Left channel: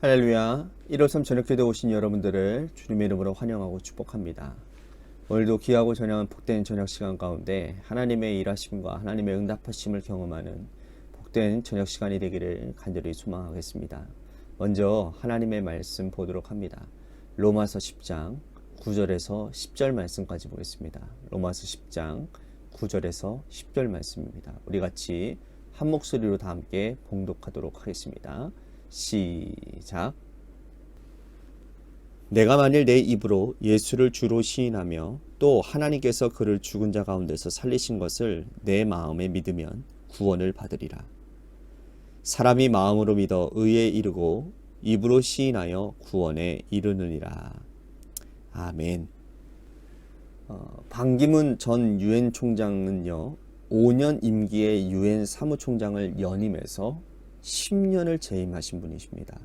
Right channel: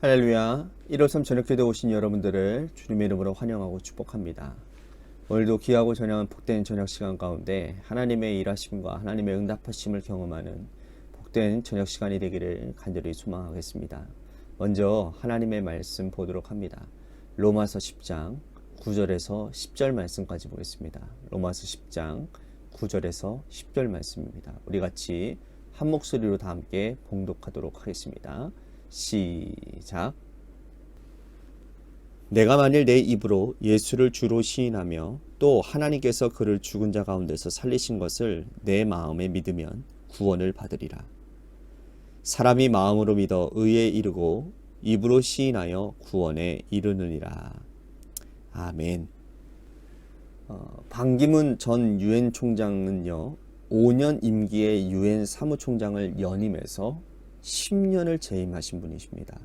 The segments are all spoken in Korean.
할렐루야. 1월3 저녁기도에 오신 여러분들을 주님의 이름으로 환영하고 축복합니다. 오늘도 귀하고 전향한 복된 저녁 시간 가운데 하나님의 일하심과 하나님의 응답하심을 경험하는 복된 저녁 시간이 되기를 간절히 소망하겠습니다. 먼저 하나님의 말씀 보도록 합니다. 로마서 10장 9절에서 10절 말씀까지 보겠습니다. 로마서 10장 9절에서 10절 말씀입니다. 우리 같이 한 목소리로 다 함께 봉독하도록 하겠습니다. 시작. 내가 만일 내 입으로 예수를 주로 시인하며 또 하나님께서 그를 죽은 자 가운데서 살리신 것을 내 마음에 믿으면 구원을 받으리라. 사람이 마음으로 믿어 의에 이르고 입으로 시인하여 구원에 이르느니라. 아멘. 반기문 전 유엔 총장은요, 5년 임기의 유엔 사무총장을 연임해서 10년을 재임하신 분이십니다.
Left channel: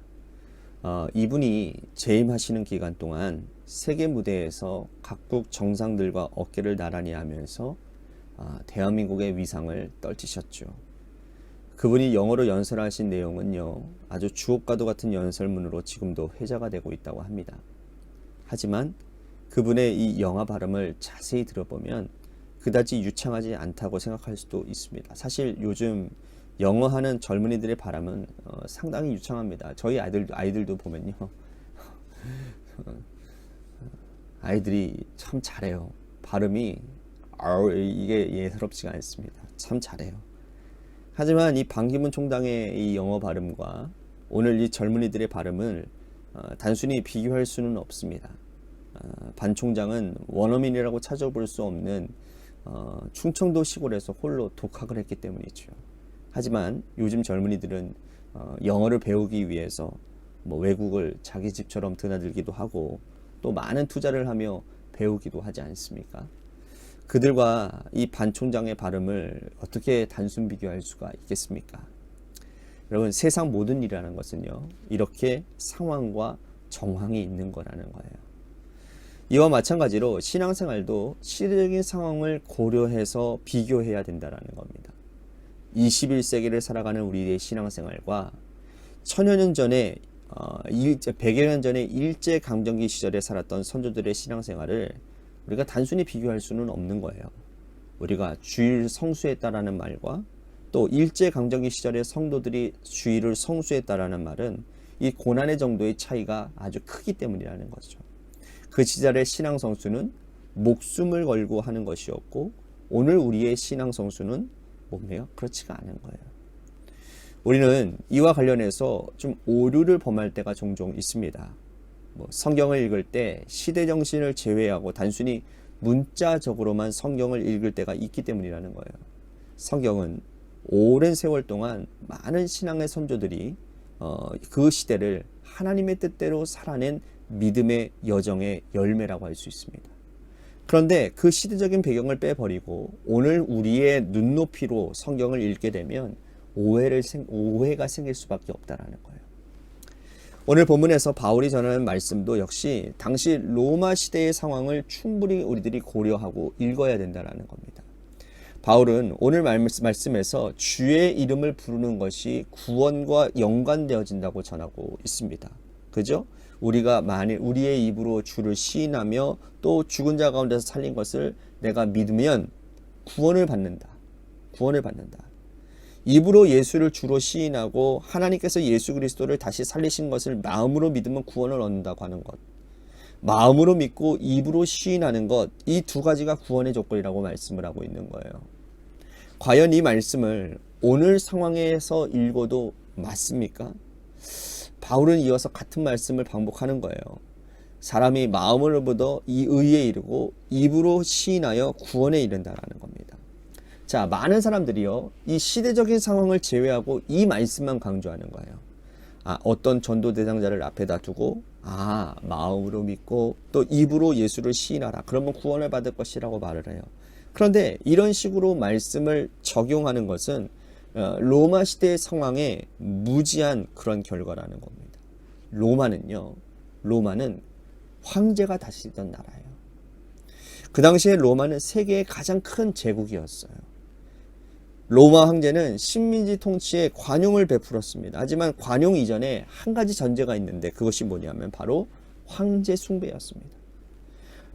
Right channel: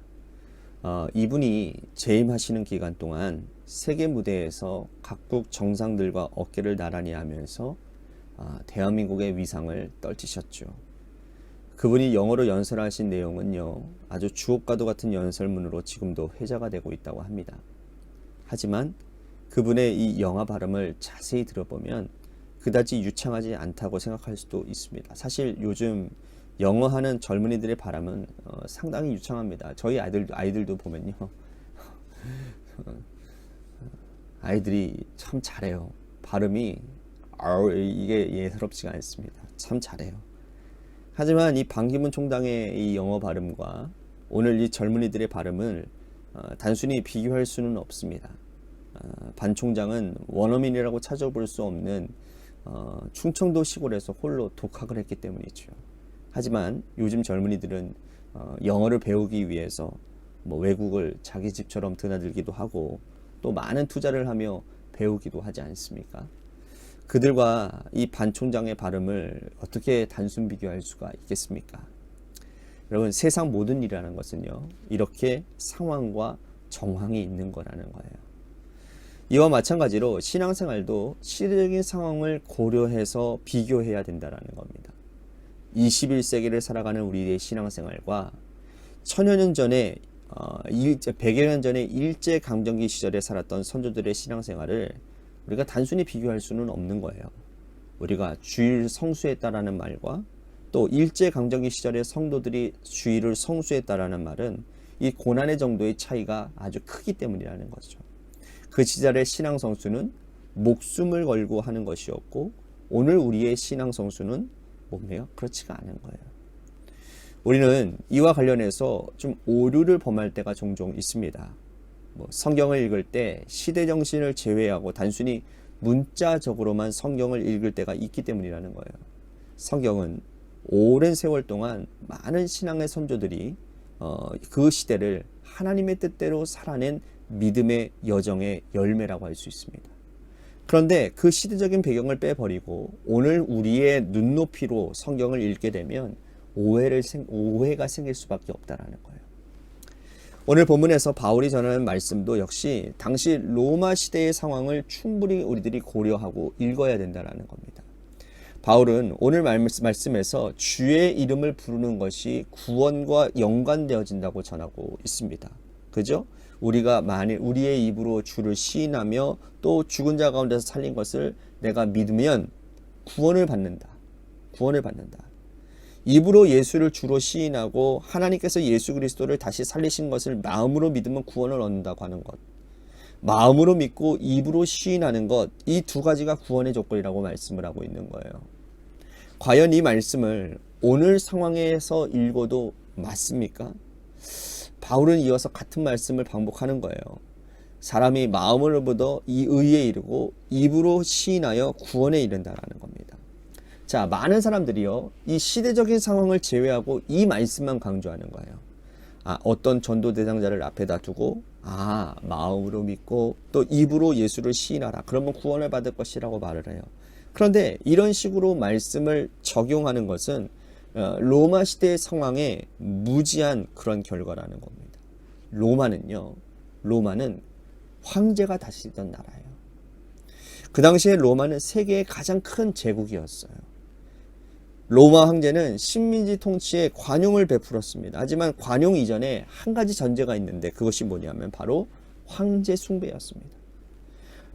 이분이 재임하시는 기간 동안 세계 무대에서 각국 정상들과 어깨를 나란히 하면서 대한민국의 위상을 떨치셨죠. 그분이 영어로 연설하신 내용은요, 아주 주옥과도 같은 연설문으로 지금도 회자가 되고 있다고 합니다. 하지만 그분의 이 영어 발음을 자세히 들어보면 그다지 유창하지 않다고 생각할 수도 있습니다. 사실 요즘 영어 하는 젊은이들의 발음은 상당히 유창합니다. 저희 아이들도 보면요, 아이들이 참 잘해요. 발음이 이게 예사롭지가 않습니다. 참 잘해요. 하지만 이 반기문 총장의 이 영어 발음과 오늘 이 젊은이들의 발음을 단순히 비교할 수는 없습니다. 반 총장은 원어민이라고 찾아볼 수 없는 충청도 시골에서 홀로 독학을 했기 때문이죠. 하지만 요즘 젊은이들은 영어를 배우기 위해서 외국을 자기 집처럼 드나들기도 하고 또 많은 투자를 하며 배우기도 하지 않습니까? 그들과 이 반 총장의 발음을 어떻게 단순 비교할 수가 있겠습니까? 여러분, 세상 모든 일이라는 것은요, 이렇게 상황과 정황이 있는 거라는 거예요. 이와 마찬가지로 신앙생활도 시대적인 상황을 고려해서 비교해야 된다는 겁니다. 21세기를 살아가는 우리의 신앙생활과 천여 년 전에 100여 년 전에 일제강점기 시절에 살았던 선조들의 신앙생활을 우리가 단순히 비교할 수는 없는 거예요. 우리가 주일 성수했다라는 말과 또 일제강점기 시절의 성도들이 주일을 성수했다라는 말은 이 고난의 정도의 차이가 아주 크기 때문이라는 거죠. 그 시절의 신앙 성수는 목숨을 걸고 하는 것이었고, 오늘 우리의 신앙 성수는 뭐예요? 그렇지가 않은 거예요. 우리는 이와 관련해서 좀 오류를 범할 때가 종종 있습니다. 성경을 읽을 때 시대 정신을 제외하고 단순히 문자적으로만 성경을 읽을 때가 있기 때문이라는 거예요. 성경은 오랜 세월 동안 많은 신앙의 선조들이 그 시대를 하나님의 뜻대로 살아낸 믿음의 여정의 열매라고 할 수 있습니다. 그런데 그 시대적인 배경을 빼버리고 오늘 우리의 눈높이로 성경을 읽게 되면 오해가 생길 수밖에 없다라는 거예요. 오늘 본문에서 바울이 전하는 말씀도 역시 당시 로마 시대의 상황을 충분히 우리들이 고려하고 읽어야 된다는 겁니다. 바울은 오늘 말씀에서 주의 이름을 부르는 것이 구원과 연관되어진다고 전하고 있습니다. 그죠? 우리가 만일 우리의 입으로 주를 시인하며 또 죽은 자 가운데서 살린 것을 내가 믿으면 구원을 받는다. 구원을 받는다. 입으로 예수를 주로 시인하고 하나님께서 예수 그리스도를 다시 살리신 것을 마음으로 믿으면 구원을 얻는다고 하는 것. 마음으로 믿고 입으로 시인하는 것, 이 두 가지가 구원의 조건이라고 말씀을 하고 있는 거예요. 과연 이 말씀을 오늘 상황에서 읽어도 맞습니까? 바울은 이어서 같은 말씀을 반복하는 거예요. 사람이 마음으로 믿어 이 의에 이르고 입으로 시인하여 구원에 이른다라는 겁니다. 자, 많은 사람들이요, 이 시대적인 상황을 제외하고 이 말씀만 강조하는 거예요. 어떤 전도 대상자를 앞에다 두고 마음으로 믿고 또 입으로 예수를 시인하라. 그러면 구원을 받을 것이라고 말을 해요. 그런데 이런 식으로 말씀을 적용하는 것은 로마 시대의 상황에 무지한 그런 결과라는 겁니다. 로마는 황제가 다스리던 나라예요. 그 당시에 로마는 세계의 가장 큰 제국이었어요. 로마 황제는 식민지 통치에 관용을 베풀었습니다. 하지만 관용 이전에 한 가지 전제가 있는데 그것이 뭐냐면 바로 황제 숭배였습니다.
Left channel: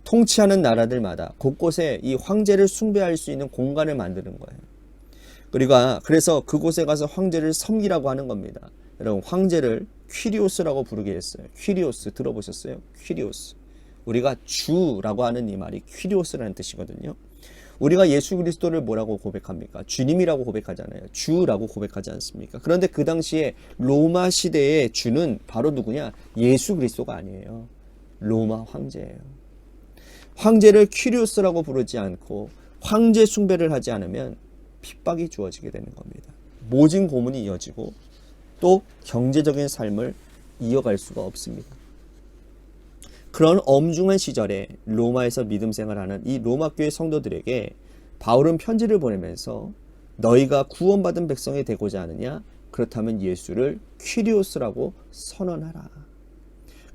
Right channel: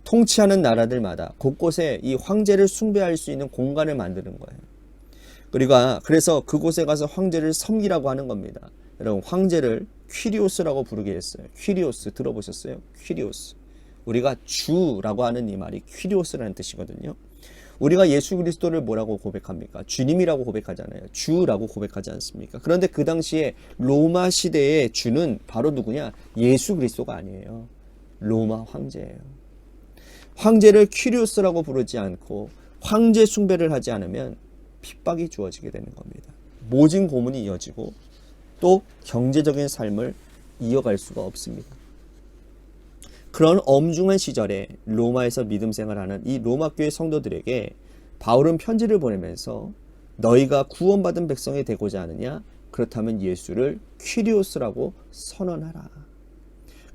통치하는 나라들마다 곳곳에 이 황제를 숭배할 수 있는 공간을 만드는 거예요. 그래서 그곳에 가서 황제를 섬기라고 하는 겁니다. 여러분, 황제를 퀴리오스라고 부르게 했어요. 퀴리오스 들어보셨어요? 퀴리오스. 우리가 주라고 하는 이 말이 퀴리오스라는 뜻이거든요. 우리가 예수 그리스도를 뭐라고 고백합니까? 주님이라고 고백하잖아요. 주라고 고백하지 않습니까? 그런데 그 당시에 로마 시대의 주는 바로 누구냐? 예수 그리스도가 아니에요. 로마 황제예요. 황제를 퀴리오스라고 부르지 않고 황제 숭배를 하지 않으면 핍박이 주어지게 되는 겁니다. 모진 고문이 이어지고 또 경제적인 삶을 이어갈 수가 없습니다. 그런 엄중한 시절에 로마에서 믿음 생활하는 이 로마 교회 성도들에게 바울은 편지를 보내면서 너희가 구원받은 백성이 되고자 하느냐? 그렇다면 예수를 퀴리오스라고 선언하라.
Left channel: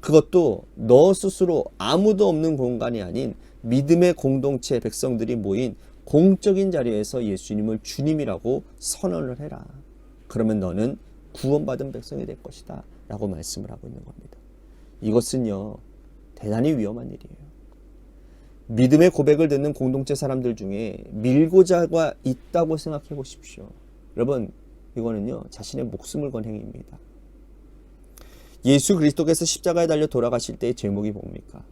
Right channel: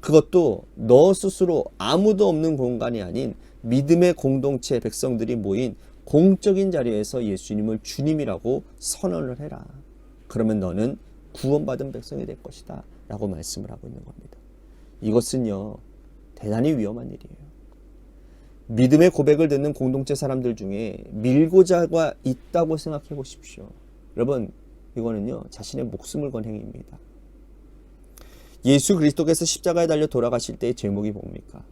그것도 너 스스로 아무도 없는 공간이 아닌 믿음의 공동체 백성들이 모인 공적인 자리에서 예수님을 주님이라고 선언을 해라. 그러면 너는 구원받은 백성이 될 것이다 라고 말씀을 하고 있는 겁니다. 이것은요, 대단히 위험한 일이에요. 믿음의 고백을 듣는 공동체 사람들 중에 밀고자가 있다고 생각해 보십시오. 여러분, 이거는요, 자신의 목숨을 건 행위입니다. 예수 그리스도께서 십자가에 달려 돌아가실 때의 제목이 뭡니까?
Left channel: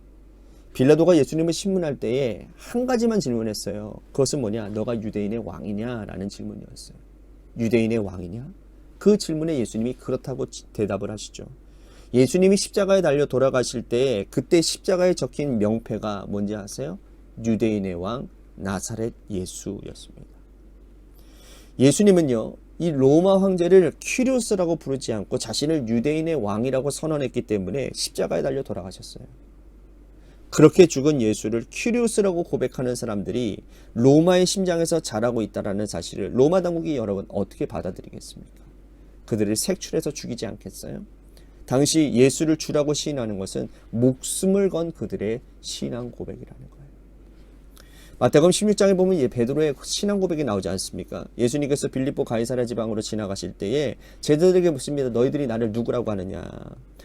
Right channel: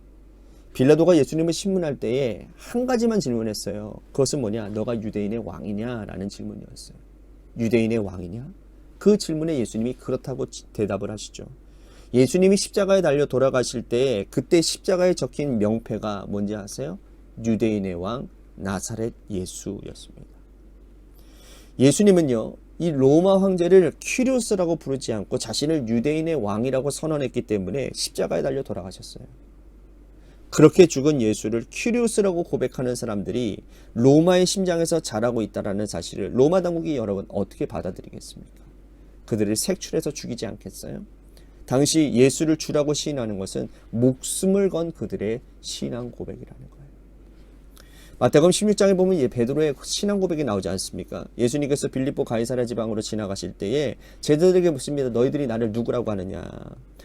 빌라도가 예수님을 신문할 때에 한 가지만 질문했어요. 그것은 뭐냐? 너가 유대인의 왕이냐? 라는 질문이었어요. 유대인의 왕이냐? 그 질문에 예수님이 그렇다고 대답을 하시죠. 예수님이 십자가에 달려 돌아가실 때 그때 십자가에 적힌 명패가 뭔지 아세요? 유대인의 왕 나사렛 예수였습니다. 예수님은요, 이 로마 황제를 퀴리오스라고 부르지 않고 자신을 유대인의 왕이라고 선언했기 때문에 십자가에 달려 돌아가셨어요. 그렇게 죽은 예수를 퀴리오스라고 고백하는 사람들이 로마의 심장에서 자라고 있다는 사실을 로마 당국이 여러분 어떻게 받아들이겠습니까? 그들을 색출해서 죽이지 않겠어요? 당시 예수를 주라고 시인하는 것은 목숨을 건 그들의 신앙 고백이라는 거예요. 마태복음 16장에 보면 베드로의 신앙 고백이 나오지 않습니까? 예수님께서 빌립보 가이사랴 지방으로 지나가실 때에 제자들에게 묻습니다. 너희들이 나를 누구라고 하느냐?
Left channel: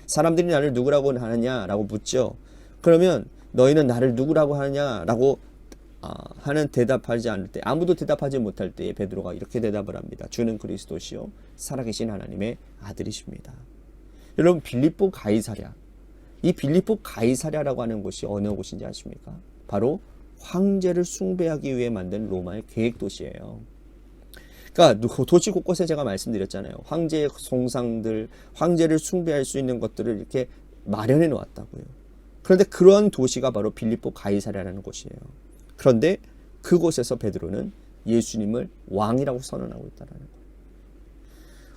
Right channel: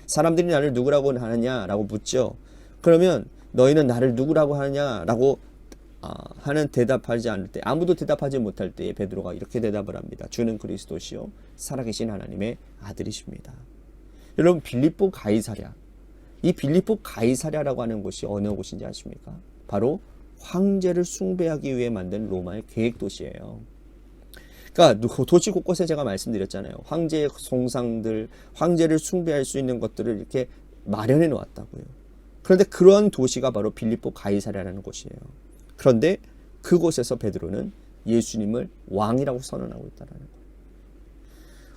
사람들이 나를 누구라고 하느냐라고 묻죠. 그러면 너희는 나를 누구라고 하느냐라고 하는 대답하지 않을 때, 아무도 대답하지 못할 때에 베드로가 이렇게 대답을 합니다. 주는 그리스도시요 살아계신 하나님의 아들이십니다. 여러분, 빌립보 가이사랴, 이 빌립보 가이사랴라고 하는 곳이 어느 곳인지 아십니까? 바로 황제를 숭배하기 위해 만든 로마의 계획 도시예요. 그러니까 도시 곳곳에 제가 말씀드렸잖아요. 황제의 송상들, 황제를 숭배할 수 있는 것들을 이렇게 마련해 놓았다고요. 그런데 그런 도시가 바로 빌립보 가이사랴라는 곳이에요. 그런데 그곳에서 베드로는 예수님을 왕이라고 선언하고 있다는 거예요.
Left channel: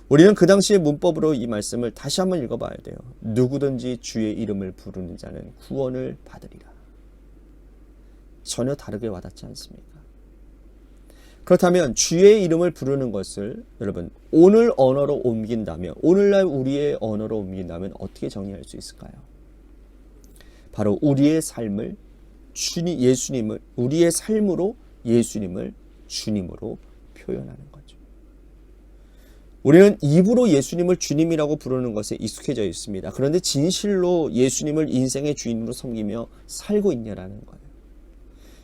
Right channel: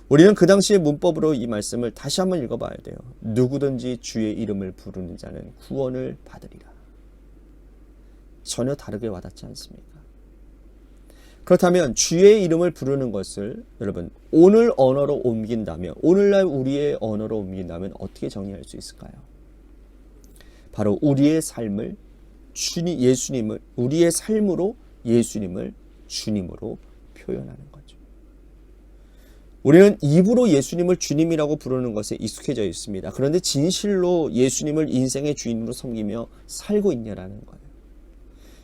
우리는 그 당시의 문법으로 이 말씀을 다시 한번 읽어봐야 돼요. 누구든지 주의 이름을 부르는 자는 구원을 받으리라. 전혀 다르게 와닿지 않습니까? 그렇다면 주의 이름을 부르는 것을 여러분 오늘 언어로 옮긴다면, 오늘날 우리의 언어로 옮긴다면 어떻게 정의할 수 있을까요? 바로 우리의 삶을 우리의 삶으로 예수님을 주님으로 표현하는 거죠. 우리는 입으로 예수님을 주님이라고 부르는 것에 익숙해져 있습니다. 그런데 진실로 예수님을 인생의 주인으로 섬기며 살고 있냐라는 거예요.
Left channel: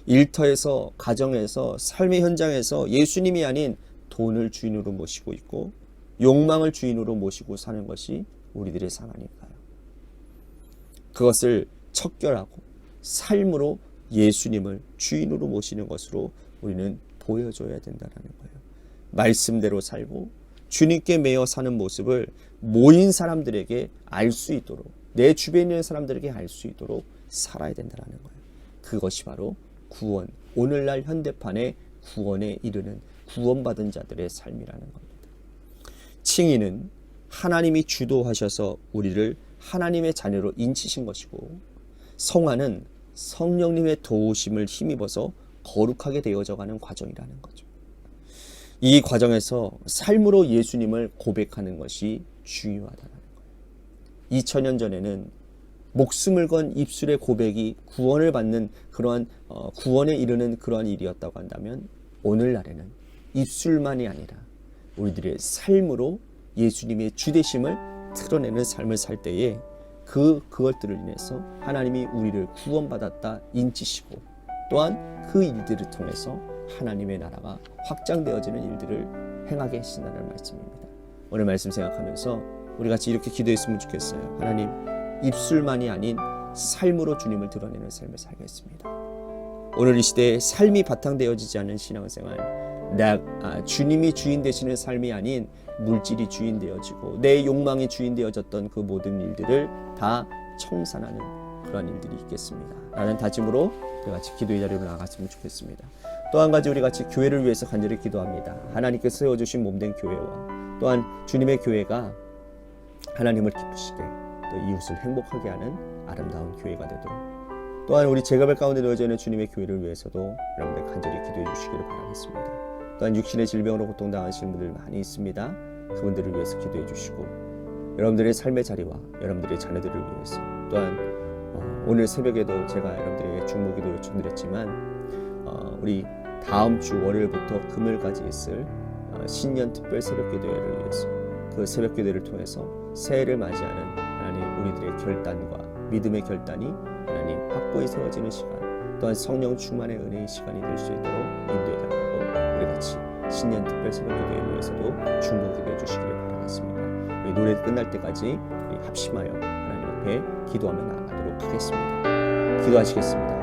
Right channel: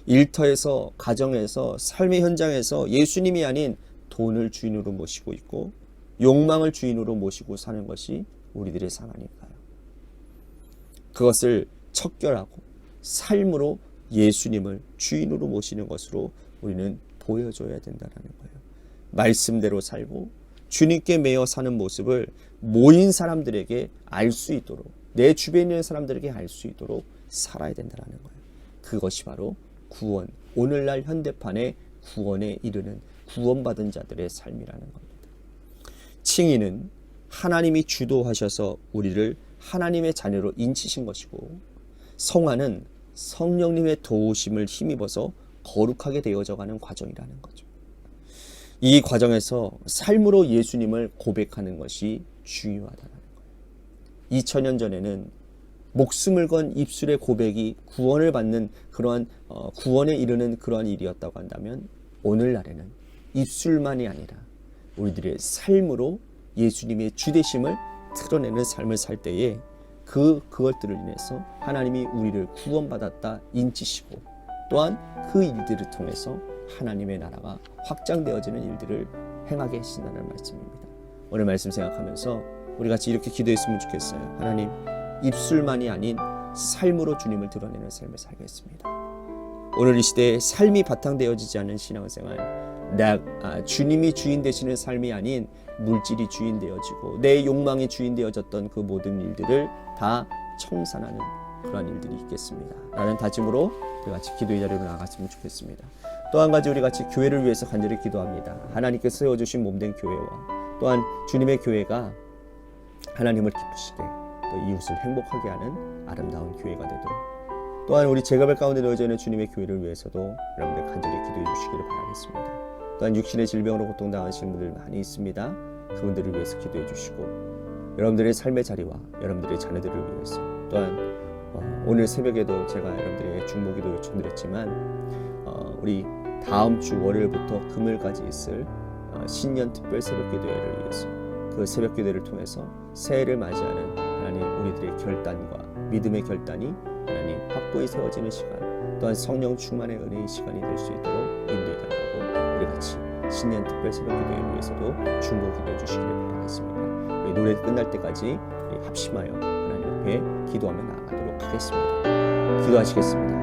일터에서, 가정에서, 삶의 현장에서 예수님이 아닌 돈을 주인으로 모시고 있고 욕망을 주인으로 모시고 사는 것이 우리들의 상황일까요? 그것을 척결하고 삶으로 예수님을 주인으로 모시는 것으로 우리는 보여줘야 된다는 거예요. 말씀대로 살고 주님께 매여 사는 모습을 모인 사람들에게 알 수 있도록, 내 주변에 있는 사람들에게 알 수 있도록 살아야 된다는 거예요. 그것이 바로 구원, 오늘날 현대판의 구원에 이르는 구원받은 자들의 삶이라는 겁니다. 칭의는 하나님이 주도하셔서 우리를 하나님의 자녀로 인치신 것이고, 성화는 성령님의 도우심을 힘입어서 거룩하게 되어져가는 과정이라는 거죠. 이 과정에서 삶으로 예수님을 고백하는 것이 중요하다는 거예요. 2000년 전에는 목숨을 건 입술의 고백이 구원을 받는 그러한 구원에 이르는 그러한 일이었다고 한다면, 오늘날에는 입술만이 아니라 우리들의 삶으로 예수님의 주되심을 드러내는 삶을 살 때에 그것들을 인해서 하나님이 우리를 구원받았다 인치시고 또한 그 일들을 통해서 하나님의 나라가 확장되어지는 일들을 행하게 하신다는 말씀입니다. 오늘 말씀 생각하면서 우리 같이 이렇게 기도했으면 좋겠어요. 하나님, 입술만이 아닌 삶으로 주님을 드러내는 삶을 살겠습니다. 오늘 이 시대에 삶이 바탕되어지지 않은 신앙생활, 주님이 주인 되시는 삶이 아닌 물질이 주인 되어지고 내 욕망이 주인 되어졌던 그 모든 일들을 다 청산하는 그러한 일들이 있겠습니다. 라는 다짐으로 우리 같이 기도의 자리로 나아갔으면 좋겠습니다. 또 한 가지 우리 같이 교회를 위해서 간절히 기도합니다. 하나님께서 세워주신 몸된 교회와 또한 주님의 교회가 하나님을 기쁘시게 또 이웃을 행복하게 하는 아름다운 교회가 되도록, 또한 우리 제가별 가운데 놓여져 있는 주님의 교회를 위해서도 여러분들 간절히 기도해 주시기를 바라겠습니다. 또한 육신의 질병으로 고통당하시는 분들 많이 있습니다. 그분들을 위해서 기도해 주시고 여러분들의 삶의 자리와 여러분들의 자녀들을 위해서, 또한 오늘 새벽에도 제가 여러분들에게 중보기도 요청드렸지만 우리 다음 주 월요일부터 금요일까지 있을 신년 특별 새벽기도회를 위해서, 그 새벽기도회를 통해서 새해를 맞이하는 하나님 우리들의 결단과 믿음의 결단이 하나님 확고히 세워지는 시간, 또한 성령 충만의 은혜의 시간이 될 수 있도록 인도해 달라고 우리 같이 신년 특별 새벽기도회를 위해서도 중보기도해 주시기를 바라겠습니다. 우리 노래 끝날 때까지 우리 합심하여 하나님 앞에 기도하며 나아가도록 하겠습니다. 기도하시겠습니다.